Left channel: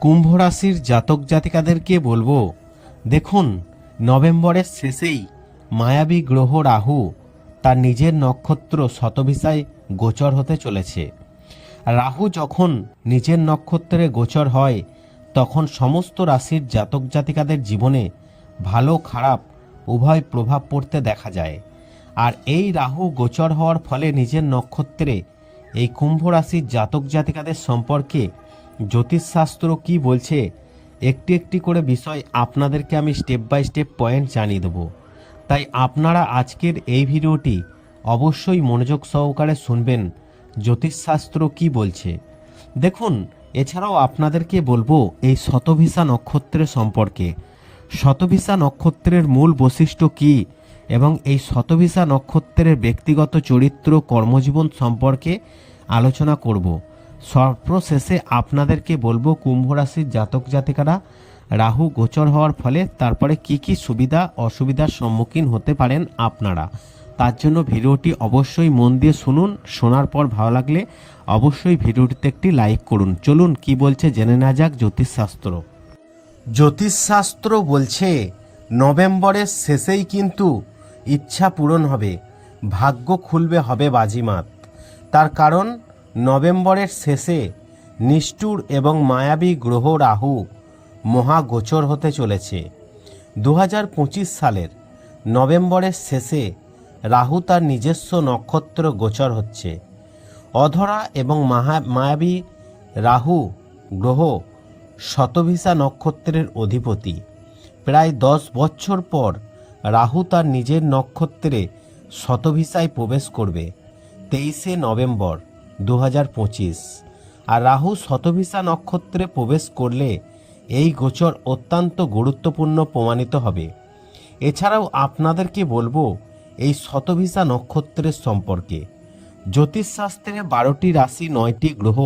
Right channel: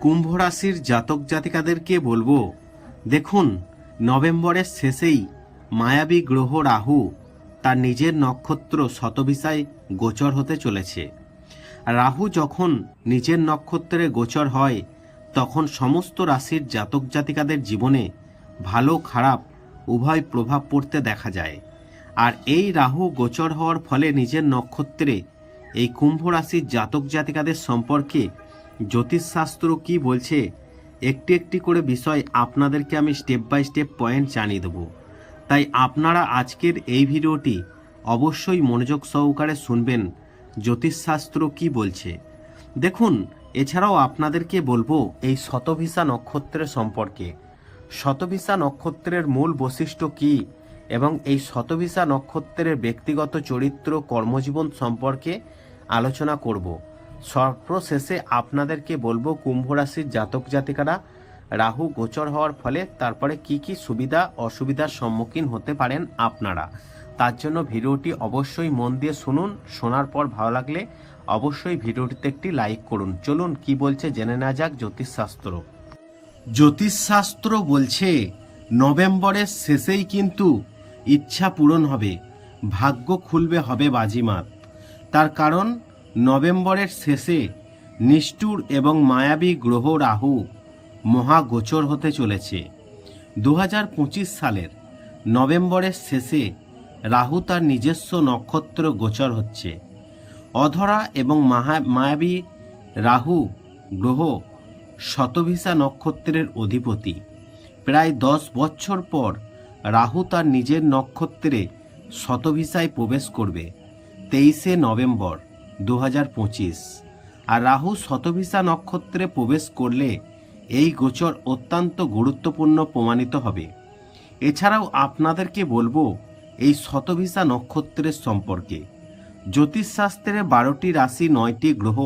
কুম্ভ রাশির জাতক জাতিকাদেরকে বলব, দেখুন, নভেম্বরের শেষেই মায়াবী গ্রহ রাহু তার নিজের নক্ষত্র শতভিসায় গোচর হতে চলেছে। রাহু যখন নিজের নক্ষত্রে গোচর হয়, তখন সমস্ত রাশির জাতক জাতিকাদের জীবনে ভালো খারাপ উভয় প্রভাব পড়তে দেখা যায়। আর এই রাহু গোচর হওয়ার ফলে নিজের নক্ষত্রে এই কুম্ভ রাশির জাতক জাতিকাদের সম্পর্কে জ্যোতিষশাস্ত্র কি বলছে? একটি একটি করে বিষয় আপনাদেরকে আমি স্টেপ বাই স্টেপ পয়েন্ট জানিয়ে দেবো। তাই আপনারা আজকের এই ভিডিওটি অবশ্যই মনোযোগ সহকারে শুনবেন, জ্যোতিষশাস্ত্র কি বলছে। দেখুন, এছাড়াও আপনাদেরকে বলব এই শতভিসা নক্ষত্রের সম্পর্কে। শতভিসা নক্ষত্রের মূল বৈশিষ্ট্য কি এবং এই শতভিসা নক্ষত্রের ব্যক্তিগত চরিত্র কর্মজীবন সম্পর্কে আলোচনা করব। সর্বশেষে আপনাদেরকে বলব কুম্ভ রাশির জাতক জাতিকারা, রাহু গোচর হওয়ার ফলে তারপরে কি কি সুবিধা, অসুবিধার সম্মুখীন হতে পারেন আপনারা। তার জন্য ভিডিওটি অবশ্যই মন দিয়ে শুনুন, শোনার পর ভালো লাগলে অবশ্যই ভিডিওটিতে একটি লাইক করুন। চলুন কি বলছে জেনে না যাক জ্যোতিষশাস্ত্র। জ্যোতিষশাস্ত্র বলছে, নভেম্বরের শেষেই কিন্তু ইচ্ছা পূরণ হবে, ভাগ্য খুলবে হবে বাজিমাত। তার কারণ নভেম্বরের শেষে নিষ্ঠুর এবং মায়াবী গ্রহ রাহু মহাগোচর হতে চলেছে। দু হাজার পঁচিশ সালের নভেম্বরের শেষে রাহু তার নিজস্ব নক্ষত্র গোচর হচ্ছে। অধরা এবং মাহা- মায়াবী রাহু গ্রহ শতভিসা নক্ষত্রের অধিপতি। প্রায় দশ বছর পর রাহু তার নিজের নক্ষত্রে শতভিসায় প্রবেশ করবে, তেইশে নভেম্বর। দু হাজার পঁচিশ। আর রাহু শতভিসা নক্ষত্রে প্রবেশ করলে এই গোচর অত্যন্ত গুরুত্বপূর্ণ প্রমাণিত হবে। এছাড়াও আপনাদেরকে বলব এই শতভিসা নক্ষত্রের সম্পর্কে। জ্যোতিষশাস্ত্রে বারোটি রাশি, নয়টি গ্রহ,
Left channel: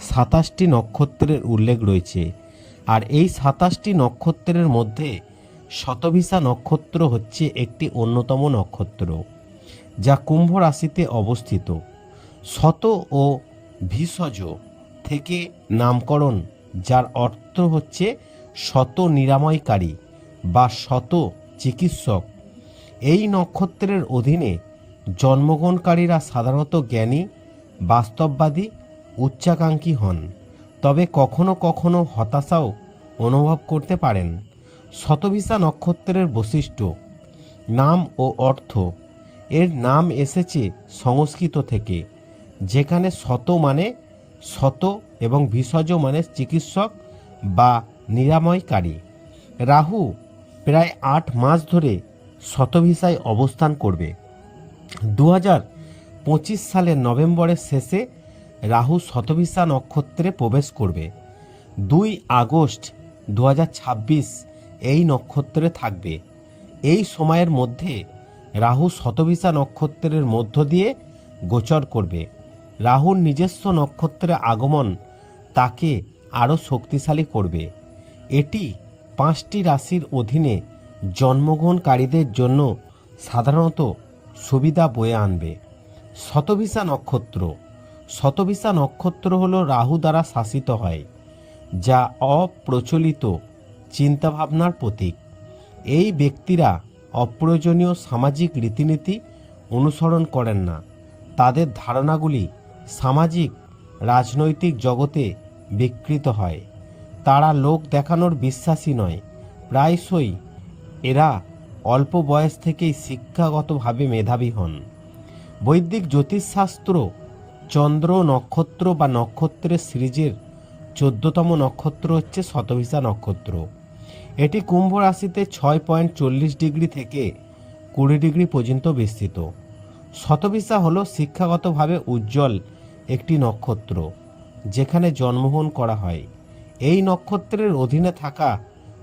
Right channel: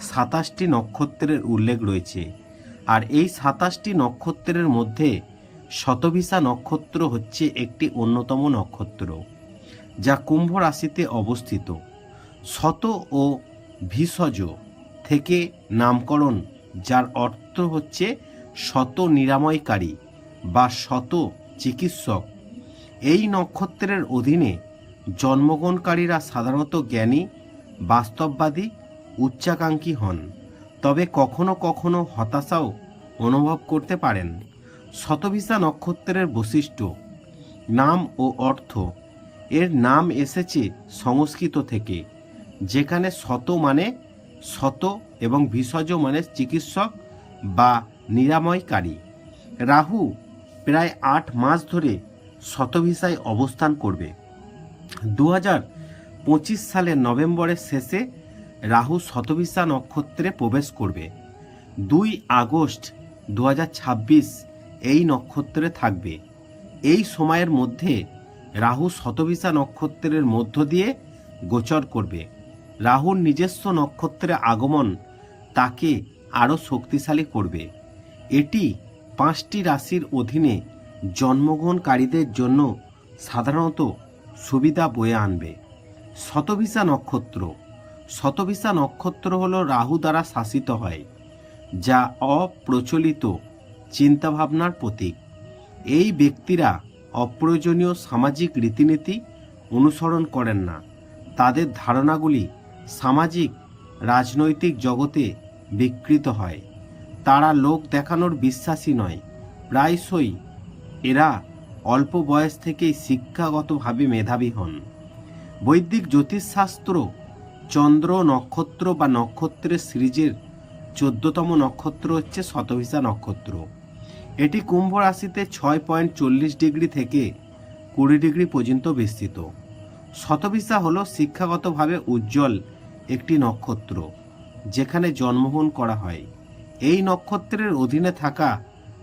সাতাশটি নক্ষত্রের উল্লেখ রয়েছে। আর এই সাতাশটি নক্ষত্রের মধ্যে শতভিসা নক্ষত্র হচ্ছে একটি অন্যতম নক্ষত্র, যা কুম্ভ রাশিতে অবস্থিত। শত ও ভিষজ থেকে নামকরণ, যার অর্থ হচ্ছে শত নিরাময়কারী বা শত চিকিৎসক। এই নক্ষত্রের অধীনে জন্মগ্রহণকারীরা সাধারণত জ্ঞানী, বাস্তববাদী, উচ্চাকাঙ্ক্ষী হন, তবে কখনো কখনো হতাশাও অনুভব করতে পারেন। শতভিসা নক্ষত্রের বৈশিষ্ট্য, নাম ও অর্থ। এর নাম এসেছে সংস্কৃত থেকে। যেখানে শত মানে শত এবং ভিষজ মানে চিকিৎসক বা নিরাময়কারী। রাহু প্রায় আট মাস ধরে শতভিসায় অবস্থান করবে। দু পঁচিশ সালের নভেম্বরের শেষে রাহু শতভিসা নক্ষত্রে প্রবেশ করবে। দুই আগস্ট দু হাজার ছাব্বিশ এই নক্ষত্রে থাকবে। এই সময়ের মধ্যে রাহু শতভিসা নক্ষত্রের মধ্য দিয়ে গোচর করবে। রাহুর নিজস্ব নক্ষত্রের আগমন তাকে আরও শক্তিশালী করবে। এটি পাঁচটি রাশির অধীনে জন্মগ্রহণকারীদের জন্য সাধারণত সুবিধা বয়ে আনবে। শতভিসা নক্ষত্র। শতভিসা নক্ষত্র হল রাহু দ্বারা শাসিত হয়, যা অপ্রচলিত চিন্তাভাবনার প্রতীক। এই ব্যক্তিরা অপ্রয়োজনীয় সামাজিক রীতিনীতি অনুসরণ করেন না। তাদের ধারণাগুলি সামাজিক, রাজনৈতিক জগতে বিকৃত হয়। তারা লোক দেখানোর বিশ্বাসী নয়। প্রায়শই এরা অল্প বয়স থেকেই শিক্ষাগতভাবে মেধাবী হন। বৈদিক জ্যোতিষশাস্ত্র চন্দ্র নক্ষত্র বা নক্ষত্রের সিরিজের চোদ্দতম নক্ষত্র হচ্ছে শতভিসা নক্ষত্র। এটি কুম্ভ রাশিতে ছয় পয়েন্ট চল্লিশ ডিগ্রি থেকে কুড়ি ডিগ্রি পর্যন্ত বিস্তৃত। শতভিসা হল শিক্ষাগতভাবে উজ্জ্বল একটি নক্ষত্র, যেখানে জন্মগ্রহণ করা হয়। এই নক্ষত্রের অধীনে থাকা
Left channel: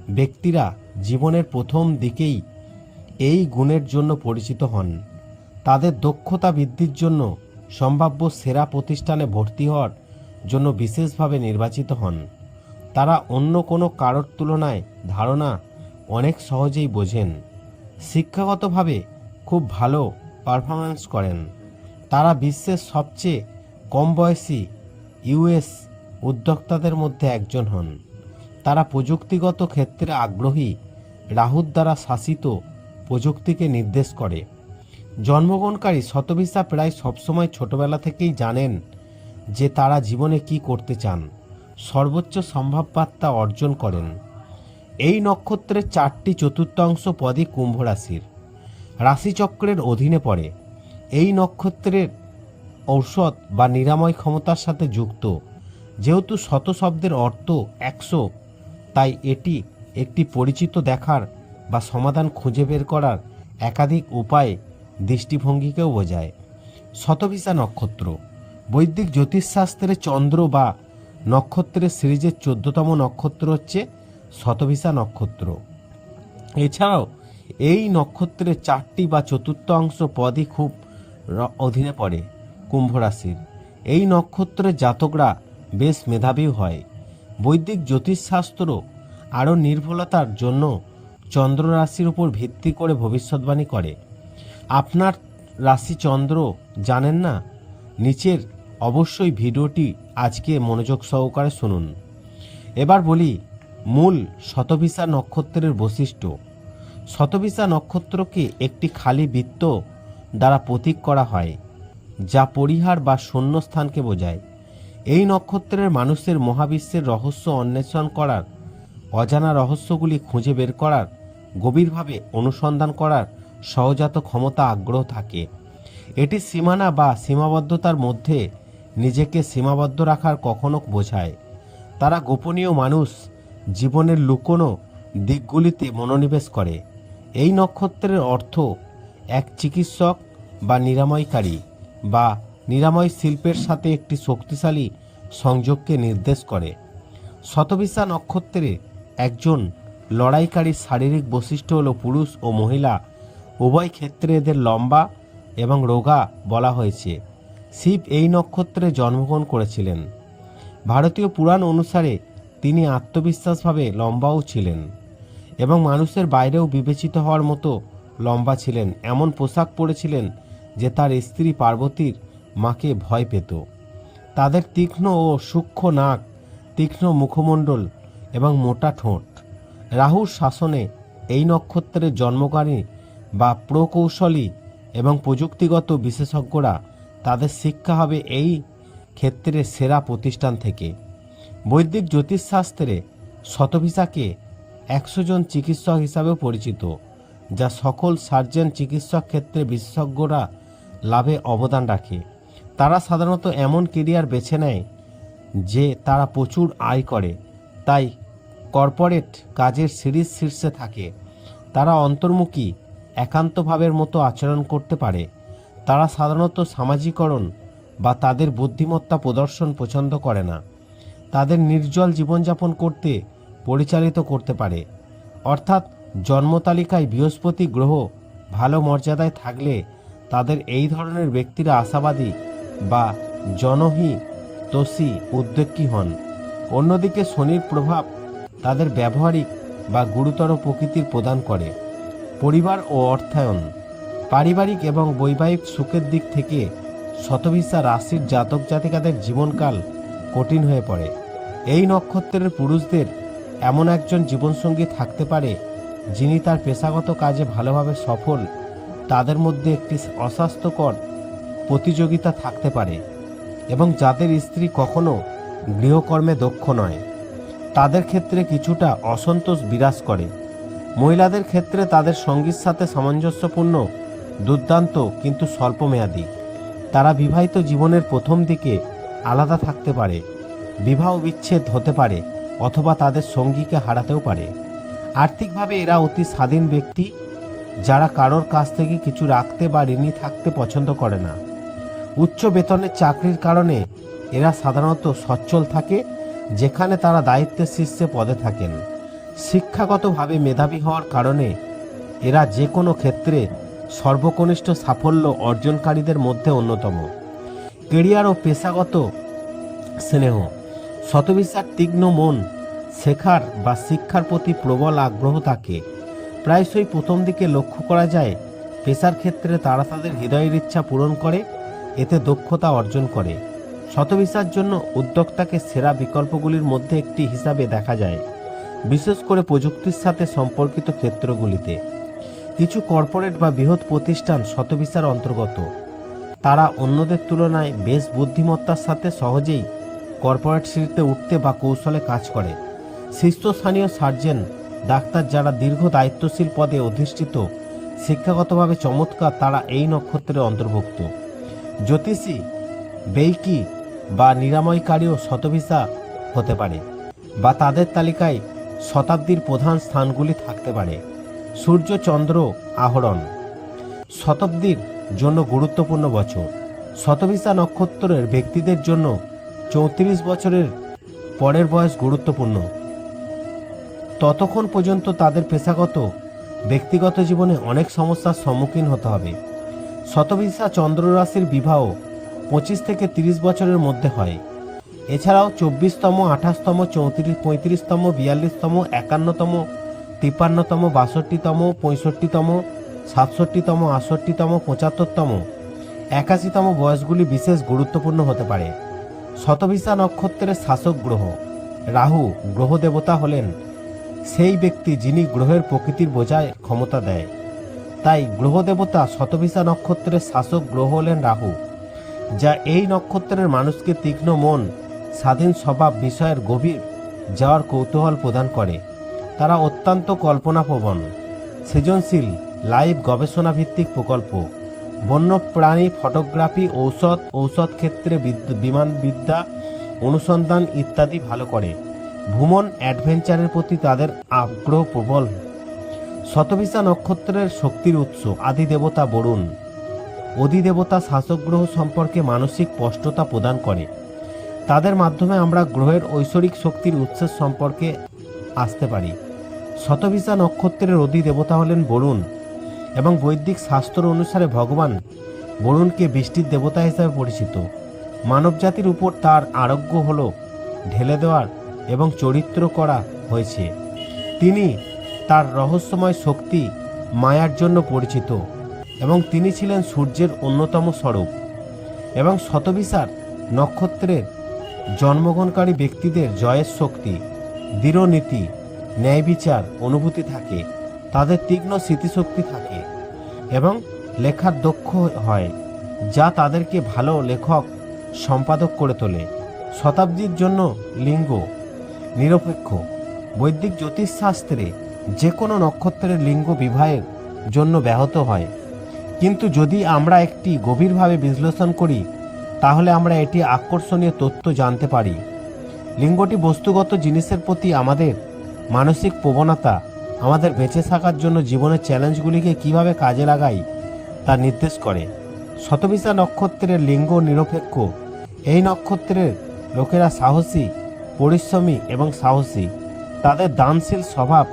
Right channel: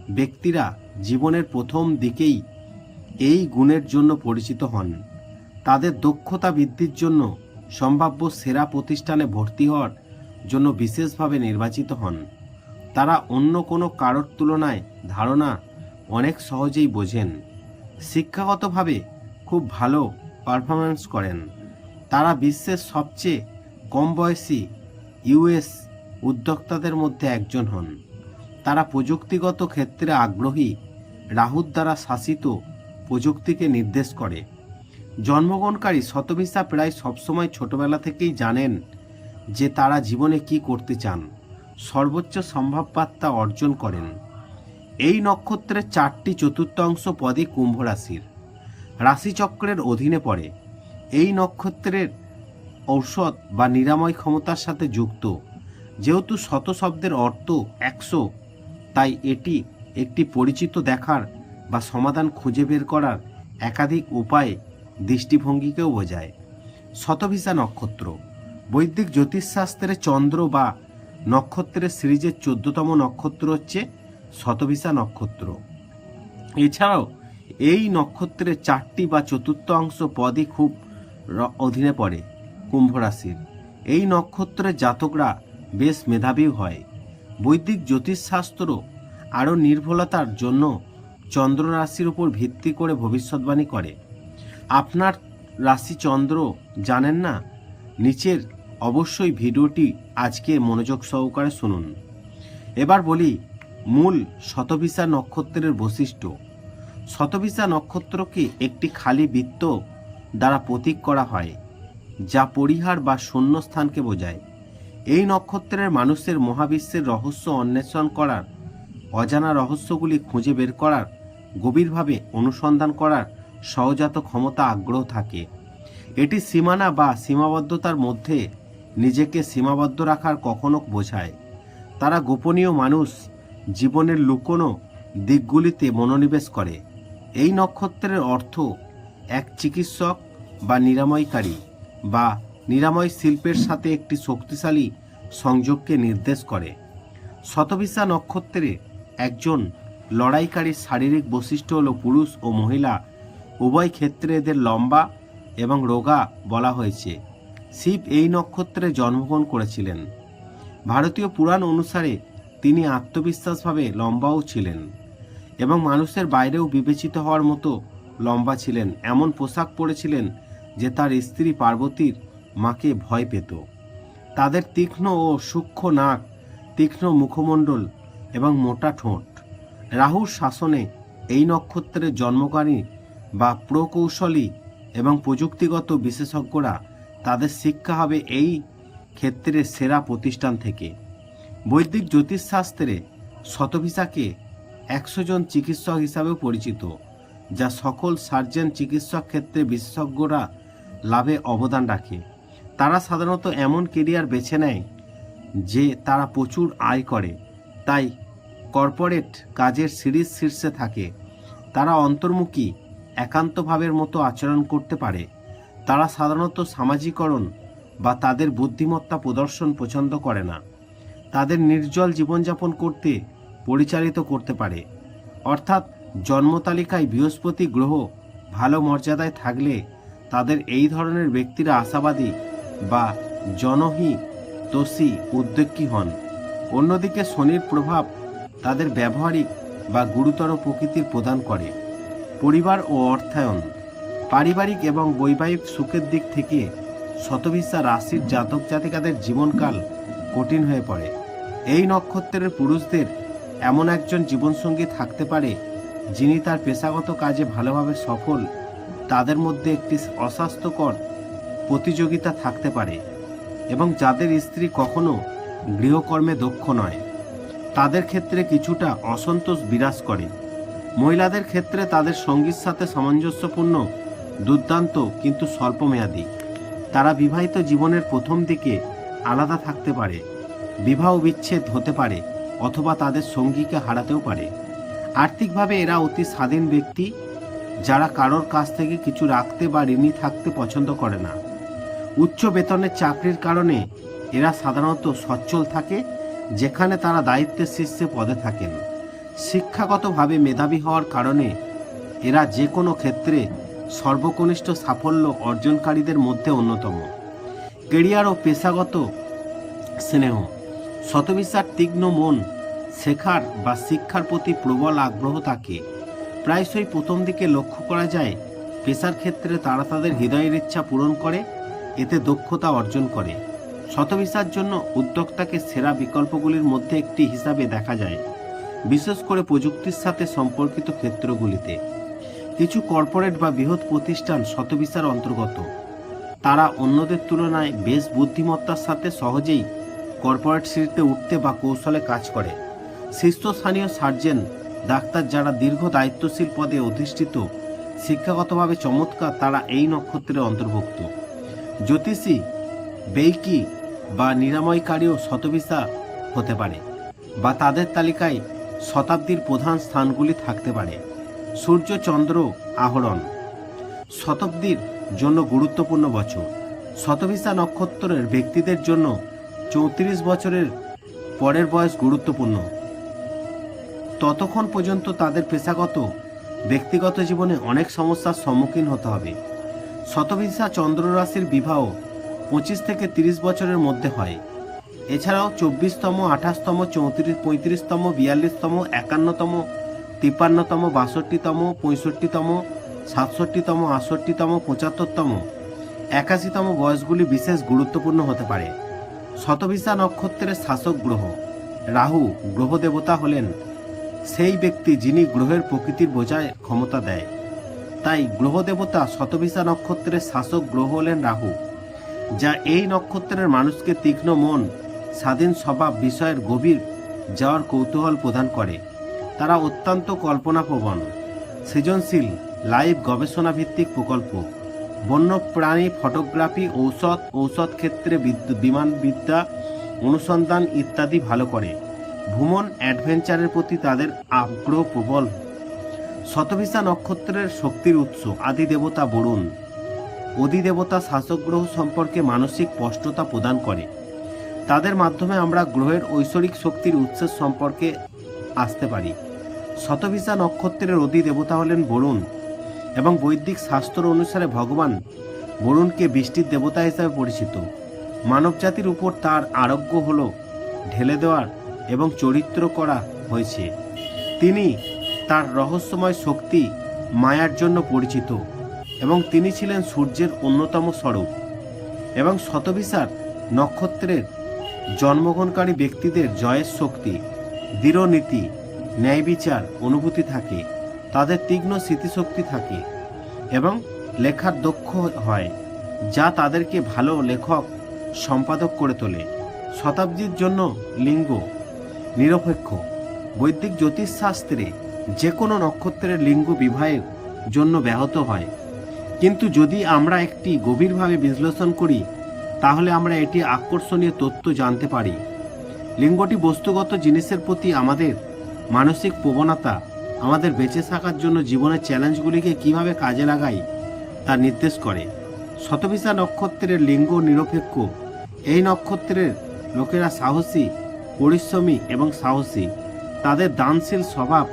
ব্যক্তিরা জীবনের প্রথম দিকেই এই গুণের জন্য পরিচিত হন। তাদের দক্ষতা বৃদ্ধির জন্য সম্ভাব্য সেরা প্রতিষ্ঠানে ভর্তি হওয়ার জন্য বিশেষভাবে নির্বাচিত হন। তারা অন্য কোনো কারোর তুলনায় ধারণা অনেক সহজেই বোঝেন। শিক্ষাগতভাবে খুব ভালো পারফরমেন্স করেন। তারা বিশ্বের সবচেয়ে কম বয়সী ইউএস উদ্যোক্তাদের মধ্যে একজন হন। তারা প্রযুক্তিগত ক্ষেত্রে আগ্রহী রাহুর দ্বারা শাসিত প্রযুক্তিকে নির্দেশ করে। জন্মগ্রহণকারী শতভিসা প্রায় সবসময় ছোটবেলা থেকেই জানেন যে তারা জীবনে কি করতে চান, সর্বোচ্চ সম্ভাব্যতা অর্জন করেন। এই নক্ষত্রের চারটি চতুর্থাংশ পদই কুম্ভ রাশির। রাশিচক্রের অধীনে পড়ে। এই নক্ষত্রের ঔষধ বা নিরাময় ক্ষমতার সাথে যুক্ত। যেহেতু শত শব্দের অর্থ একশো, তাই এটি একটি পরিচিত দেখার বা সমাধান খুঁজে বের করার একাধিক উপায় দৃষ্টিভঙ্গিকেও বোঝায়। শতভিসা নক্ষত্র। বৈদিক জ্যোতিষশাস্ত্রে চন্দ্র বা নক্ষত্রের সিরিজের চোদ্দতম নক্ষত্র হচ্ছে শতভিসা নক্ষত্র। এছাড়াও এই নক্ষত্রের চারটি বা চতুর্থ অংশ পদই খুব অধীনে পড়ে। কুম্ভ রাশির এই নক্ষত্রের জাতকরা বেশ মেধাবী হয়। বৈদিক জ্যোতিষশাস্ত্র আরও নির্ভুলতার জন্য চন্দ্র রাশির উপর ভিত্তি করে ভবিষ্যৎবাণী করে। আপনার রাশি চন্দ্র জানেন না? নিচের অবশ্যই ভিডিওটি আজকে মনোযোগ সহকারে শুনুন। এবার বলি মূল শতভিসা নক্ষত্রের বৈশিষ্ট্য। শতভিসা নক্ষত্রকে একটি খালি বৃত্ত দ্বারা প্রতীক করা হয়। যা পরিহার বা শূন্যস্থানকে বোঝায়। এই নক্ষত্রের মানুষের মহাবিশ্বের রহস্য অন্বেষণ করার, অজানা রহস্যগুলি খুঁজে বের করার, গভীরভাবে অনুসন্ধান করার সহজাত ক্ষমতা আগ্রহ থাকে। এটি সীমানা বা সীমাবদ্ধতার মধ্যে নিজেকে সীমাবদ্ধ রাখার কখনো বোঝায়। তারা গোপনীয় মানুষ, জীবনের লুকোনো দিকগুলিতে মনোনিবেশ করে। এই নক্ষত্রের অর্থ এক চিকিৎসক বা নিরাময়কারী। বা নিরাময় শিল্পের সাথে একটি শক্তিশালী সংযোগকে নির্দেশ করে। শতভিসা নক্ষত্রে একজন লড়াইকারীর শারীরিক বৈশিষ্ট্য হল পুরুষ ও মহিলা। উভয় ক্ষেত্রে এদের লম্বা এবং রোগা বলা হয়েছে। শিব এই নক্ষত্রে জন্মগ্রহণ করেছিলেন। ভারতীয় পুরাণ অনুসারে তিনি আত্মবিশ্বাসভাবে লম্বাও ছিলেন এবং মানুষের বাইরেও বিবেচিত হওয়ার মতো লম্বা ছিলেন। এমন পোশাক পরেছিলেন যে তার স্ত্রী পার্বতীর মাকে ভয় পেত। তাদের তীক্ষ্ণ ও সূক্ষ্ম নাক, তীক্ষ্ণ মুখমণ্ডল এবং মোটা ঠোঁট। রাহুর শাসনে এই নক্ষত্রের জন্মকারী বা প্রকৌশলী এবং প্রযুক্তিগত বিশেষজ্ঞরা তাদের শিক্ষা হবে এই ক্ষেত্রে সেরা প্রতিষ্ঠান থেকে। বৈদিক জ্যোতিষশাস্ত্রে শতভিসাকে একশো জন চিকিৎসক হিসাবেও পরিচিত, যা সকল সার্জন চিকিৎসক ক্ষেত্রে বিশেষজ্ঞরা লাভে অবদান রাখে। তারা সাধারণত এমন কেরিয়ার বেছে নেয় যে তারা প্রচুর আয় করে। তাই কর্পোরেট কাজের সিরিজ শীর্ষে থাকে। তারা অন্তর্মুখী, একান্তভাবের মতো আচরণ করতে পারে। তারা সাধারণত সামাজিকরণ বা তাদের বুদ্ধিমত্তা প্রদর্শন পছন্দ করে না। তাদের নির্জল জীবনযাপন করতে পরিচালিত করতে পারে। অর্থাৎ জন্মতালিকায় বৃহস্পতি গ্রহ ভালো মর্যাদায় থাকলে তাদের এই ধরনের ব্যক্তিরা আশাবাদী বা জনহি তোষী উদ্যোগী হন। অন্যদিকে শনির প্রভাব তাদের ব্যবহারিক বা গুরুতর প্রকৃতির প্রদান করে। পরিবার ও অর্থায়ন, পারিবারিক এবং বৈবাহিক সুখের দিক থেকে শতভিসা রাশির জাতক জাতিকাদের জীবনকাল কঠিন হয়ে পড়ে। এই নক্ষত্রের পুরুষদের এমন একজন জীবনসঙ্গী থাকতে পারে যিনি তার পেশাগত কাজে ভালোভাবে সফল তাদের মধ্যে একটি অস্বাস্থ্যকর প্রতিযোগিতা থাকতে পারে এবং যাদের স্ত্রী কখনো গৃহকর্মে দক্ষ নয়, তাদের ক্ষেত্রে কিছুটা অসন্তোষ বিরাজ করে। মহিলাদের ক্ষেত্রে তাদের সঙ্গীর সাথে সামঞ্জস্যপূর্ণ, দুর্দান্ত কিন্তু স্বল্পমেয়াদী। তারা বিবাহিত জীবনের প্রথম দিকে আলাদা থাকতে পারে, বিবাহ বিচ্ছেদ হতে পারে অথবা তাদের সঙ্গীকে হারাতেও পারে। আর্থিকভাবে এরা অতি স্বাধীন ব্যক্তি যারা কারোর কাছ থেকে কিছু রাখতে বা ঋণী থাকতে পছন্দ করে না। উচ্চ বেতনের চাকরির কারণে এরা সাধারণত সচ্ছল থাকে, যেখানে তারা দায়িত্বের শীর্ষে পদে থাকেন। শিক্ষাগতভাবে মেধাবী হওয়ার কারণে এরা যে কোনো ক্ষেত্রে সর্বকনিষ্ঠ সাফল্য অর্জনকারীদের মধ্যে অন্যতম। কেরিয়ার ও পেশাগত স্নেহ, শতবিশার তীক্ষ্ণ মন, শেখার বা শিক্ষার প্রতি প্রবল আগ্রহ থাকে। প্রায়শই প্রথম দিকে লক্ষ্য করা যায়, পেশার ক্ষেত্রে তারা তাদের হৃদয়ের ইচ্ছা পূরণ করে, এতে দক্ষতা অর্জন করে। শতভিসার জন্য উদ্যোক্তাকে সেরা বিকল্পগুলির মধ্যে একটি হিসাবে দেখা যায়, বিশেষ করে প্রযুক্তির সাথে সম্পর্কিত ক্ষেত্রগুলিতে। কিছু কর্পোরেট বা বৃহৎ প্রতিষ্ঠান শতভিসার অন্তর্গত। তারা অন্যদের তুলনায় বেশ বুদ্ধিমত্তার সাথে সহজেই কর্পোরেট সিঁড়িতে উঠতে বা কৌশলে কাজ করে। শীর্ষস্থানীয় সার্জেন ডাক্তার যারা দীর্ঘ দায়িত্বশীল পদে অধিষ্ঠিত, শিক্ষাগতভাবে চমৎকার তারা এই নক্ষত্রের অন্তর্ভুক্ত। জ্যোতিষী, বেইকি বা নিরাময়কারীও শতভিসা হতে পারে বা তাদের তালিকায় শতাব্দীর প্রধান স্থানগুলি থাকতে পারে। সূর্য, চন্দ্র, আহরণ শতাব্দীর জন্য গুরুত্বপূর্ণ বছর। শতভিসা নক্ষত্রের ব্যক্তিদের জন্য চৌত্রিশ বছরের পরের বয়স গুরুত্বপূর্ণ। ততক্ষণ পর্যন্ত তাদের পেশাগত, ব্যক্তিগত জীবনে অনেক সমস্যার সম্মুখীন হতে হবে। শতভিসা চন্দ্ররাশির বিবাহ পঁচিশ থেকে তিরিশ বছরের মধ্যে হয়। এছাড়াও চব্বিশতম, আঠাশতম, চৌত্রিশ, পঁয়ত্রিশতম, বিয়াল্লিশতম, একান্নতম, তিপ্পান্নতম, বাষট্টিতম, পঁয়ষট্টিতম, সাতষট্টিতম, আটষট্টিতম, পঁচাত্তরতম, একাশিতম বয়সগুলি বিশেষ গুরুত্বপূর্ণ হতে পারে। শতভিসা নক্ষত্রের শাসক গ্রহ, রাহু, গ্রহ দেবতা হলেন সেই ব্যক্তি যিনি গ্রহের প্রকৃতির বোঝায় ক্ষমতা দেয়। তাই গ্রহ দেবতা শতভিসা নক্ষত্রের শাসক গ্রহ হলেন রাহু, যা এই নক্ষত্রের মানুষকে তীক্ষ্ণ মন, স্বাধীন স্বভাব বিষয়ের গভীর যাওয়ার কৌতূহল প্রদান করে। তারা অত্যন্ত কল্পনাপ্রবণ, সৃজনশীল, লাইভ গবেষণা ভিত্তিক প্রকল্প বন্য প্রাণী ফটোগ্রাফি, ঔষধ ঔষধ ক্ষেত্রে বিদ্যু- বিমানবিদ্যা, অনুসন্ধান ইত্যাদি ভালো করে। ভ্রমণ অ্যাডভেঞ্চারের প্রতি তাদের আগ্রহ প্রবল। শতভিসা নক্ষত্রের শক্তির উৎস আদি দেবতা বরুণ। অধিদেবতা শাসক গ্রহ সম্পর্কে মানসিক স্পষ্টতা প্রদান করে। তাদের মাধ্যমে আমরা গ্রহের ঐশ্বরিক শক্তির উৎসের সম্পর্কে আসতে পারি। শতভিসা নক্ষত্রের অধিদেবতা হলেন বরুণ এবং বৈদিক শাস্ত্র অনুসারে ভগবান বরুণকে বৃষ্টির দেবতা হিসাবে পরিচিত। মানবজাতির উপর তার আরোগ্য হল ঢেলে দেওয়ার এবং চরিত্র করা হয়েছে। তিনি তার রহস্যময় শক্তি মায়ার জন্য পরিচিত এবং তিনি ছিলেন সূর্যের অন্যতম স্বরূপ এবং শতবিশার নক্ষত্রের জন্মগ্রহণকারী ব্যক্তিদের জয়ের শক্তি, দৃঢ় নীতি, ন্যায় বিচার অনুভূতি থাকে, তাদের তীক্ষ্ণ স্মৃতিশক্তি থাকে এবং লেখার দক্ষ হয়, যা তাদেরকে ভালো লেখক, সম্পাদক করে তোলে। শতাব্দীর জন্য লিঙ্গ নিরপেক্ষ, বৈদিক জ্যোতিষশাস্ত্রে যে কোনো নক্ষত্রের লিঙ্গ বিবাহের জন্য ব্যাহত হয়। কিন্তু যদি আমরা একটি গভীরভাবে বিশ্লেষণ করি, তাহলে আমরা এটি আকর্ষণীয় তথ্য জানতে পারি। লিঙ্গটি বস্তুগত জিনিসের প্রতি আমাদের মানসিক প্রবণতা, আমাদের বেঁচে থাকার জন্য জীবনের চ্যালেঞ্জগুলিকে কীভাবে কাজে লাগাই, তা নির্দেশ করে। শতবিশা নক্ষত্রের লিঙ্গ নিরপেক্ষ, এই নক্ষত্রের লোকেরা সাহসী পরিশ্রমী এবং সাহসী। তাদের দানশীল স্বভাব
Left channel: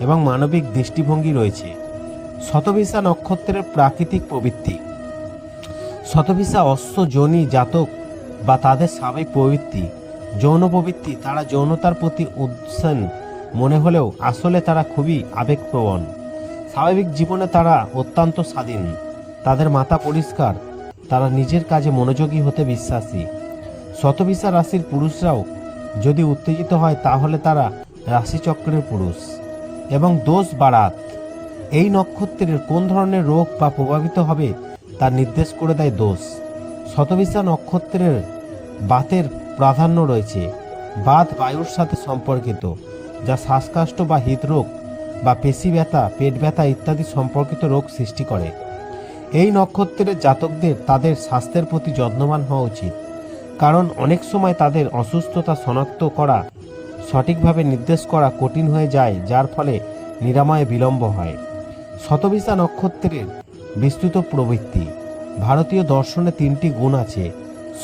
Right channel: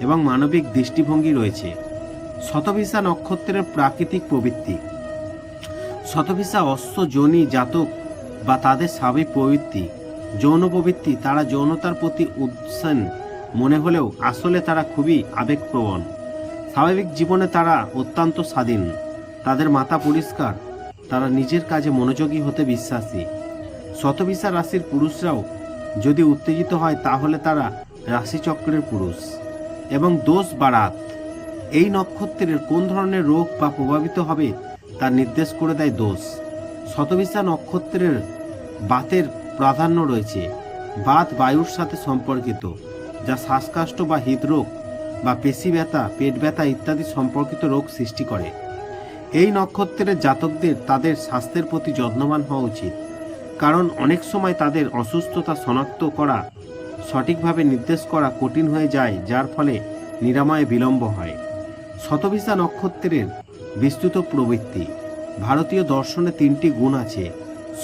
এবং মানবিক দৃষ্টিভঙ্গি রয়েছে। শতভিসা নক্ষত্রের প্রাকৃতিক প্রবৃত্তি। শতভিসা অশ্ব যোনি জাতক বা তাদের স্বাভাবিক প্রবৃত্তি। যৌন প্রবৃত্তি, তারা যৌনতার প্রতি উৎসেন মনে হলেও আসলে তারা খুবই আবেগপ্রবণ। স্বাভাবিক জীবনে তারা অত্যন্ত স্বাধীন। তাদের মাথা পরিষ্কার। তারা নিজের কাজে মনোযোগী হতে বিশ্বাসী। শতভিসা রাশির পুরুষরাও যদি উত্তেজিত হয় তাহলে তারা রাশিচক্রের পুরুষ। এবং দোষ বারাত, এই নক্ষত্রের কোন ধরনের রোগ বা প্রভাবিত হবে তা নির্দেশ করে দেয় দোষ। শতবিশা নক্ষত্রের বাতের প্রাধান্য রয়েছে। বাত বায়ুর সাথে সম্পর্কিত, যা শ্বাসকষ্ট বা হৃদরোগ বা পেশি ব্যথা, পেট ব্যথা ইত্যাদি সম্পর্কিত রোগ সৃষ্টি করে। এই নক্ষত্রের জাতকদের তাদের স্বাস্থ্যের প্রতি যত্নবান হওয়া উচিত। কারণ অনেক সময় তাদের অসুস্থতা শনাক্ত করা সঠিকভাবে নির্দেশ করা কঠিন হয়ে যায়, যার ফলে নিরাময়ে বিলম্ব হয়। শতবিশা নক্ষত্রের বিস্তৃত প্রবৃত্তি। ভারতীয় দর্শনে তিনটি গুণ আছে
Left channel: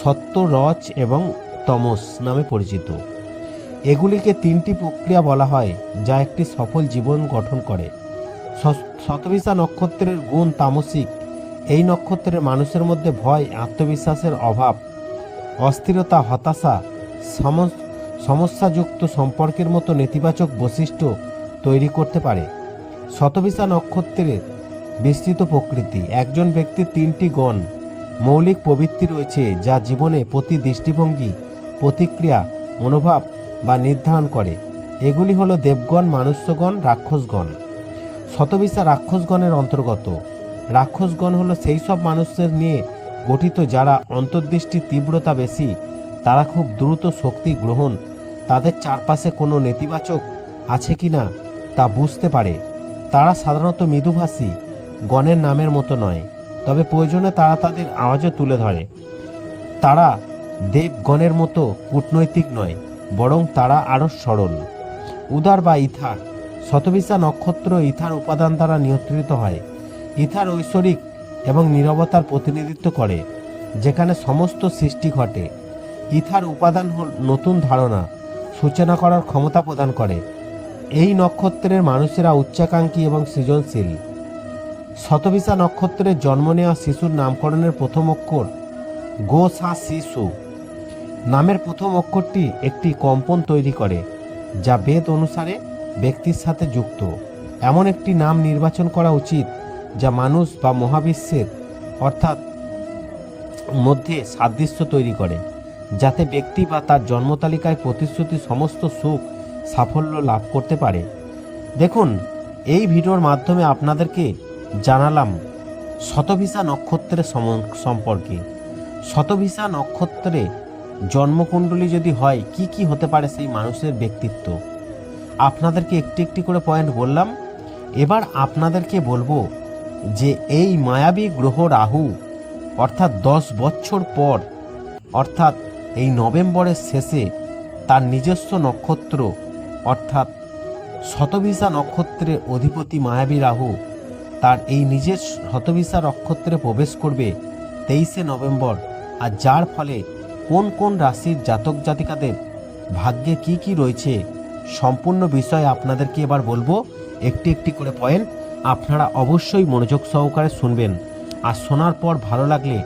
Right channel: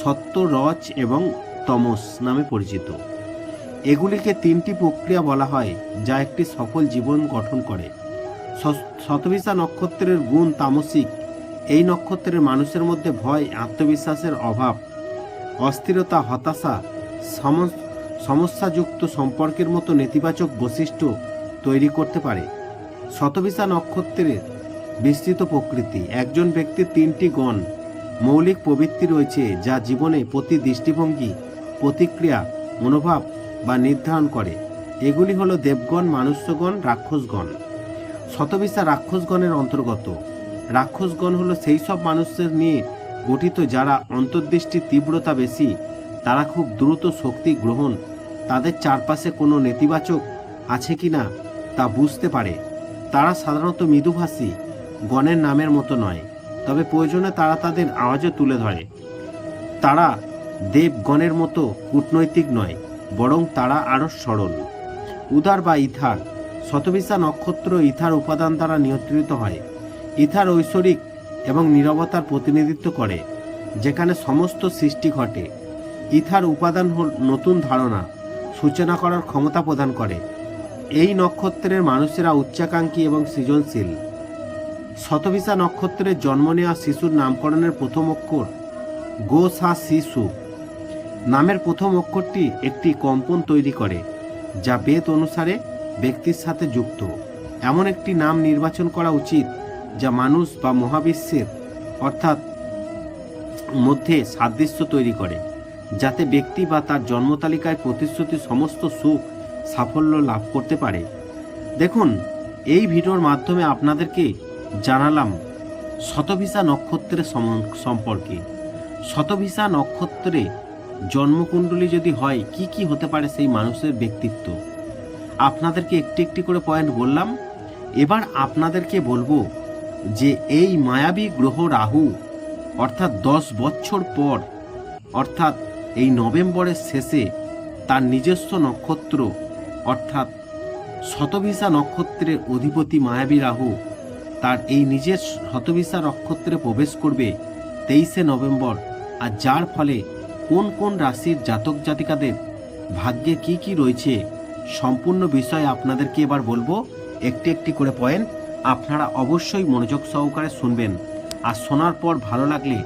সত্য রচ এবং তমস নামে পরিচিত। এগুলিকে তিনটি প্রক্রিয়া বলা হয়, যা একটি সফল জীবন গঠন করে। শতবিশা নক্ষত্রের গুণ তামসিক। এই নক্ষত্রের মানুষের মধ্যে ভয়, আত্মবিশ্বাসের অভাব অস্থিরতা, হতাশা সম- সমস্যাযুক্ত সম্পর্কের মতো নেতিবাচক বৈশিষ্ট্য তৈরি করতে পারে। শতবিশা নক্ষত্রের বিস্তৃত প্রকৃতি। একজন ব্যক্তির তিনটি গণ মৌলিক প্রবৃত্তি রয়েছে যা জীবনে প্রতি দৃষ্টিভঙ্গি, প্রতিক্রিয়া, মনোভাব বা নির্ধারণ করে। এগুলি হলো দেবগণ, মানুষ্যগণ, রাক্ষসগণ। শতবিশা রাক্ষসগণের অন্তর্গত। রাক্ষসগণ হলো সেই সব মানুষের নিয়ে গঠিত যারা অন্তর্দৃষ্টির তীব্রতা বেশি, তারা খুব দ্রুত শক্তি গ্রহণ, তাদের চারপাশে কোনো নেতিবাচক আছে কি না তা বুঝতে পারে। তারা সাধারণত মৃদুভাষী, গণের নামের মতো নয়, তবে প্রয়োজনে তারা তাদের আওয়াজও তুলে ধরে। তারা দেবগণের মতো কূটনৈতিক নয়, বরং তারা আরও সরল। উদার বা ইথার, শতবিশা নক্ষত্র ইথার উপাদান দ্বারা নিয়ন্ত্রিত হয়। ইথার ঐশ্বরিক এবং নীরবতার প্রতিনিধিত্ব করে, যেখানে সমস্ত সৃষ্টি ঘটে। ইথার উপাদান নতুন ধারণা, সূচনা করার ক্ষমতা প্রদান করে। এই নক্ষত্রের মানুষেরা উচ্চাকাঙ্ক্ষী এবং সৃজনশীল। শতভিসা নক্ষত্রের জন্ম নেওয়া শিশুর নামকরণের প্রথম অক্ষর গো সা শিশু নামের প্রথম অক্ষরটি একটি কম্পন তৈরি করে, যা বেদ অনুসারে ব্যক্তির সাথে যুক্ত। এমন একটি নাম নির্বাচন করা উচিত যা মানুষ বা মহাবিশ্বের, অর্থাৎ মধ্যে সাদৃশ্য তৈরি করে, যাতে ব্যক্তি বা তার জন্মতালিকায় প্রতিশ্রুতি সমস্ত সুখ, সাফল্য লাভ করতে পারে। দেখুন, এই ভিডিওর মাধ্যমে আপনাদেরকে জানালাম শতভিসা নক্ষত্রের সম- সম্পর্কে। শতভিসা নক্ষত্রে জন্মকুণ্ডলী যদি হয়, কি কি হতে পারে সেই মানুষের ব্যক্তিত্ব? আপনাদেরকে একটি একটি করে পয়েন্ট বললাম। এবার আপনাদেরকে বলব যে এই মায়াবী গ্রহ রাহু, অর্থাৎ দশ বছর পর, অর্থাৎ এই নভেম্বরের শেষে তার নিজস্ব নক্ষত্র, অর্থাৎ শতভিসা নক্ষত্রের অধিপতি মায়াবী রাহু তার এই নিজের শতভিসা নক্ষত্রে প্রবেশ করবে তেইশে নভেম্বর। আর যার ফলে কোন কোন রাশির জাতক জাতিকাদের ভাগ্যে কি কি রয়েছে, সম্পূর্ণ বিষয় আপনাদেরকে এবার বলব। একটি একটি করে পয়েন্ট আপনারা অবশ্যই মনোযোগ সহকারে শুনবেন। আর শোনার পর ভালো লাগলে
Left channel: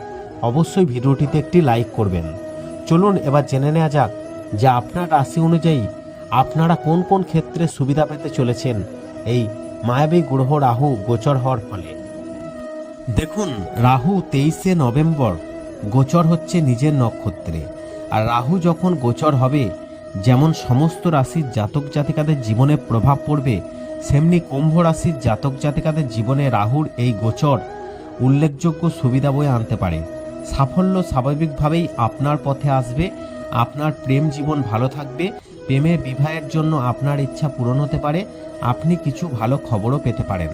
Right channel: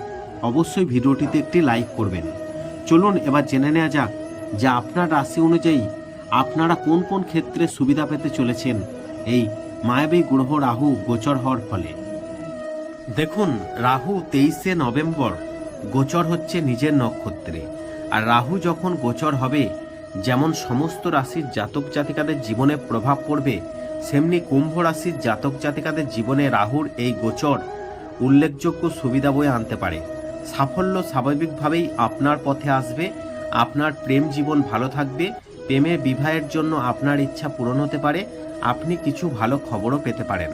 অবশ্যই ভিডিওটিতে একটি লাইক করবেন। চলুন এবার জেনে নেওয়া যাক যে আপনার রাশি অনুযায়ী আপনারা কোন কোন ক্ষেত্রে সুবিধা পেতে চলেছেন এই মায়াবী গ্রহ রাহু গোচর হওয়ার ফলে। দেখুন, রাহু তেইশে নভেম্বর গোচর হচ্ছে নিজের নক্ষত্রে। আর রাহু যখন গোচর হবে, যেমন সমস্ত রাশির জাতক জাতিকাদের জীবনে প্রভাব পড়বে সেমনি কুম্ভ রাশির জাতক জাতিকাদের জীবনে রাহুর এই গোচর উল্লেখযোগ্য সুবিধা বয়ে আনতে পারে। সাফল্য স্বাভাবিকভাবেই আপনার পথে আসবে, আপনার প্রেম জীবন ভালো থাকবে, প্রেমের বিবাহের জন্য আপনার ইচ্ছা পূরণ হতে পারে, আপনি কিছু ভালো খবরও পেতে পারেন।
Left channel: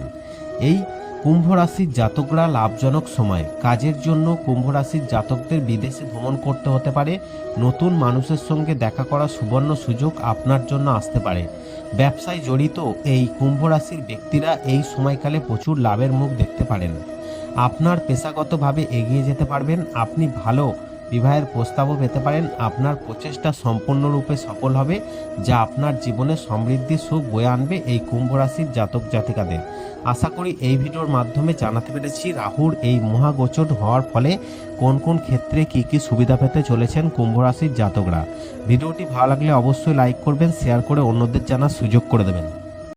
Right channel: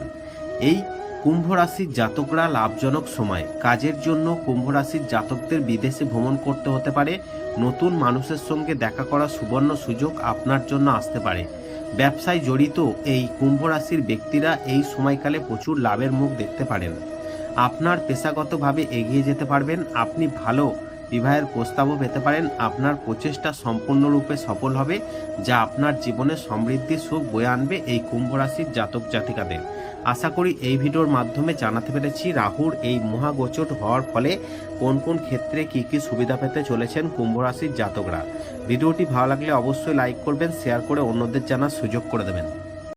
এই কুম্ভ রাশির জাতকরা লাভজনক সময়। কাজের জন্য কুম্ভ রাশির জাতকদের বিদেশে ভ্রমণ করতে হতে পারে, নতুন মানুষের সঙ্গে দেখা করার সুবর্ণ সুযোগ আপনার জন্য আসতে পারে। ব্যবসায় জড়িত এই কুম্ভ রাশির ব্যক্তিরা এই সময়কালে প্রচুর লাভের মুখ দেখতে পারেন। আপনার পেশাগতভাবে এগিয়ে যেতে পারবেন, আপনি ভালো বিবাহের প্রস্তাবও পেতে পারেন। আপনার প্রচেষ্টা সম্পূর্ণরূপে সফল হবে, যা আপনার জীবনে সমৃদ্ধি, সুখ বয়ে আনবে এই কুম্ভ রাশির জাতক জাতিকাদের। আশা করি এই ভিডিওর মাধ্যমে জানাতে পেরেছি রাহুর এই মহাগোচর হওয়ার ফলে কোন কোন ক্ষেত্রে কি কি সুবিধা পেতে চলেছেন কুম্ভ রাশির জাতকরা। ভিডিওটি ভালো লাগলে অবশ্যই লাইক করবেন, শেয়ার করে অন্যদের জানার সুযোগ করে দেবেন।